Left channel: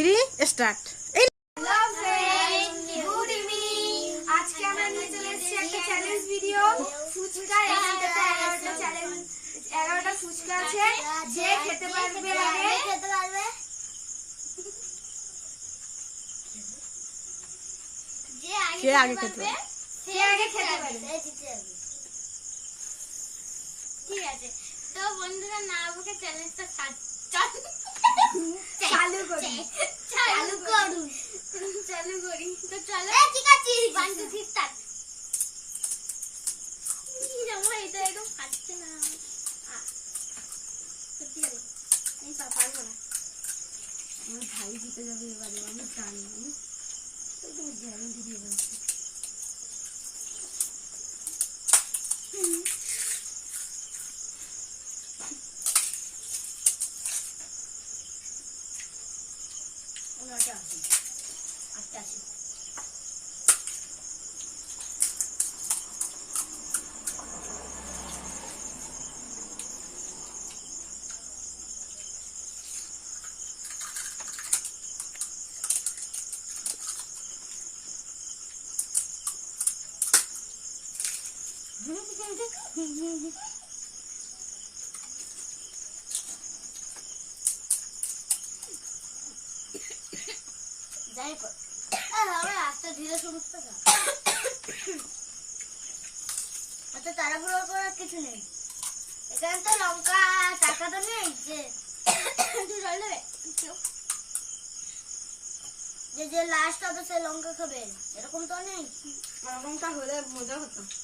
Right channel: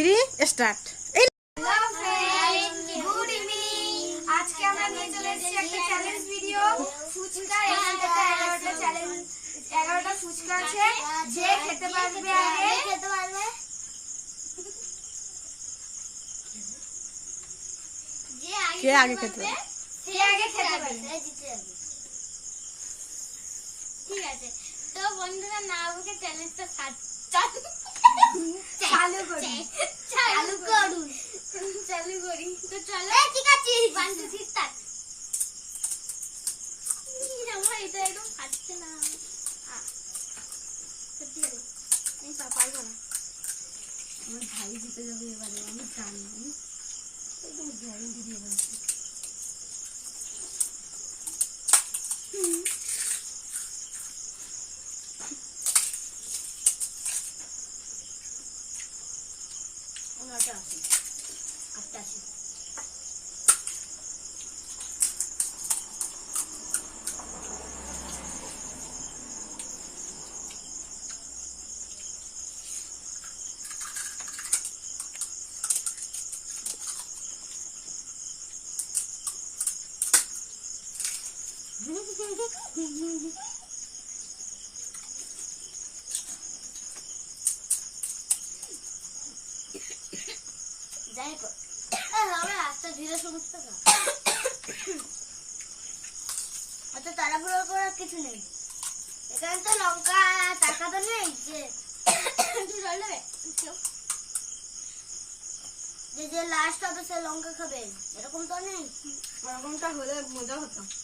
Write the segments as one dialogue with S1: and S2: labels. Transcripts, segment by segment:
S1: Three start. এই
S2: good evening আজকে আমরা নিয়ে চলে এসেছি একটা চ্যালেঞ্জ ভিডিও ফুচকা এগারোটা চ্যালেঞ্জ এগারোটা ফুচকা আছে। যে খেতে পারবে আগে
S3: খেতে পারবে
S1: কে আগে খেতে পারবে?
S3: সে আগে খেতে পারবে। সে জিতে যাবে ঠিক আছে। তো বন্ধুরা না আমাকে চ্যালেঞ্জটা
S2: চালু করি
S3: চালু করুন চালু করি তো চলো ঠিক আছে ওয়ান টু থ্রি স্টার্ট আমার এটা একদম ফাটছে না আহ, সত্যি করে আমি পা- পারব না।
S2: আমার ভাই জিতে যাবে এবারে আমি জানি আমি একদম গ্যারান্টি দিয়ে বলছি
S3: নটা আছে আটটা আছে। যাই হোক কিছু নেই। এখানে তো লঙ্কা টাকা তো নেই যে। যে যে লাস্ট হবে সে লঙ্কা খাবে, এরকম তো নেই।
S2: ওরকমটা হলে মজা হতো
S3: হুম। জানি কোথায়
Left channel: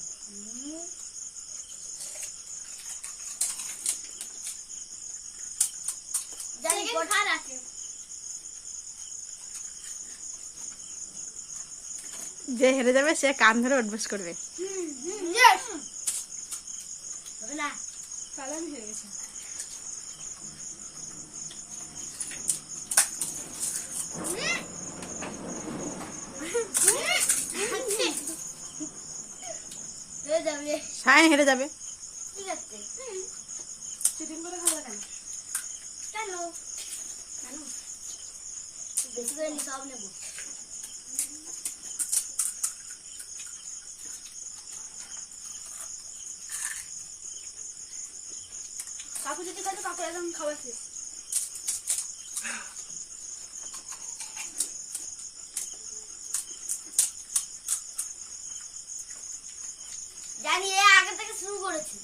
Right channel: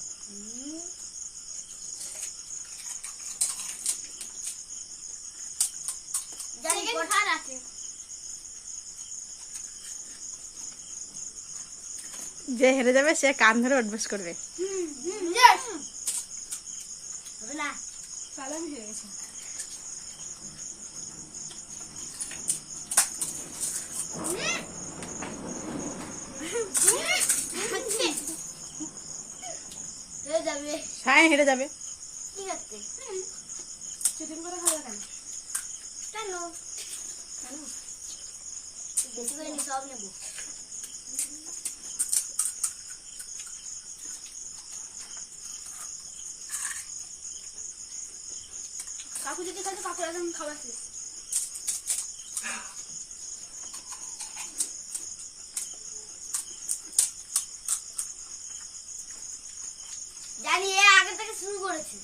S3: আছে
S1: যে হেরে যাবে সে কান ধরে অভ্যাস করবে।
S3: হবে না।
S2: হয়ে গেছে
S3: হয়ে যাবে।
S1: সাইন হেরে যাবে
S3: ঠিক আছে।
S2: চিটিং করে ভালো কেন?
S3: কেন? বেশি করে সব নেব।
S2: কাকু যদি কাছে কাকু একদম খাবার শেষ
S3: জানি এ আগে থেকে শুরু করেছে।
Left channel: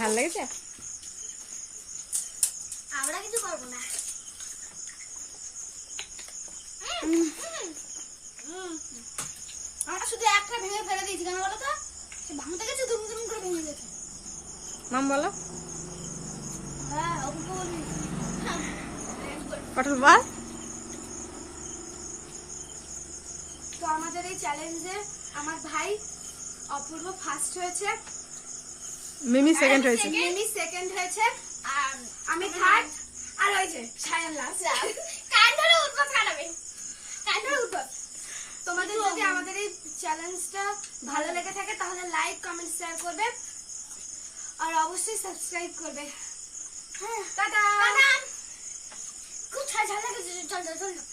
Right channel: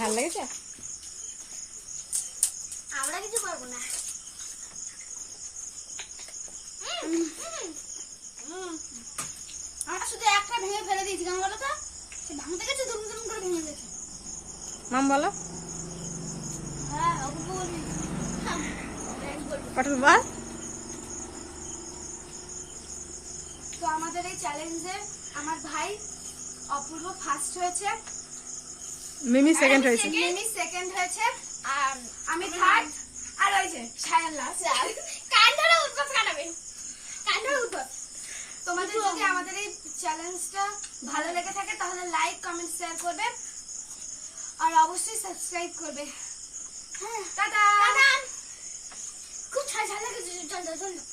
S1: ভালো লেগেছে?
S3: আমরা কিছু পারব না।
S2: আমরা শুধু একটা ভেঙে ফেলে দিয়েছি কেন বলো তো? ভাঙতে গেছে দুম দুম করে ভেঙে গেছে।
S1: মাম বলো।
S3: হ্যাঁ অপূর্ব
S1: পটল বল
S2: তো আমাদের এই চ্যালেঞ্জে আমার ভাই অপূর্ব ফার্স্ট হয়েছে।
S1: মিমি সেকেন্ড হয়েছে।
S2: মিনি সেকেন্ড হয়েছে। আমি থার্ড আর হয়েছে সায়ান লাস্ট
S3: কান ধরে উঠবো কাটাবে কান ধরে উঠবো
S2: তোমাদের যদি আমাদের এই চ্যালেঞ্জটা ভালো লেগে থাকে তাহলে লাইক কমেন্ট শেয়ার করবে। আর অবশ্যই সাবস্ক্রাইব করবে। হ্যাঁ টাটা।
S3: খুব ছাড় ছাড় লাগে চল চল চল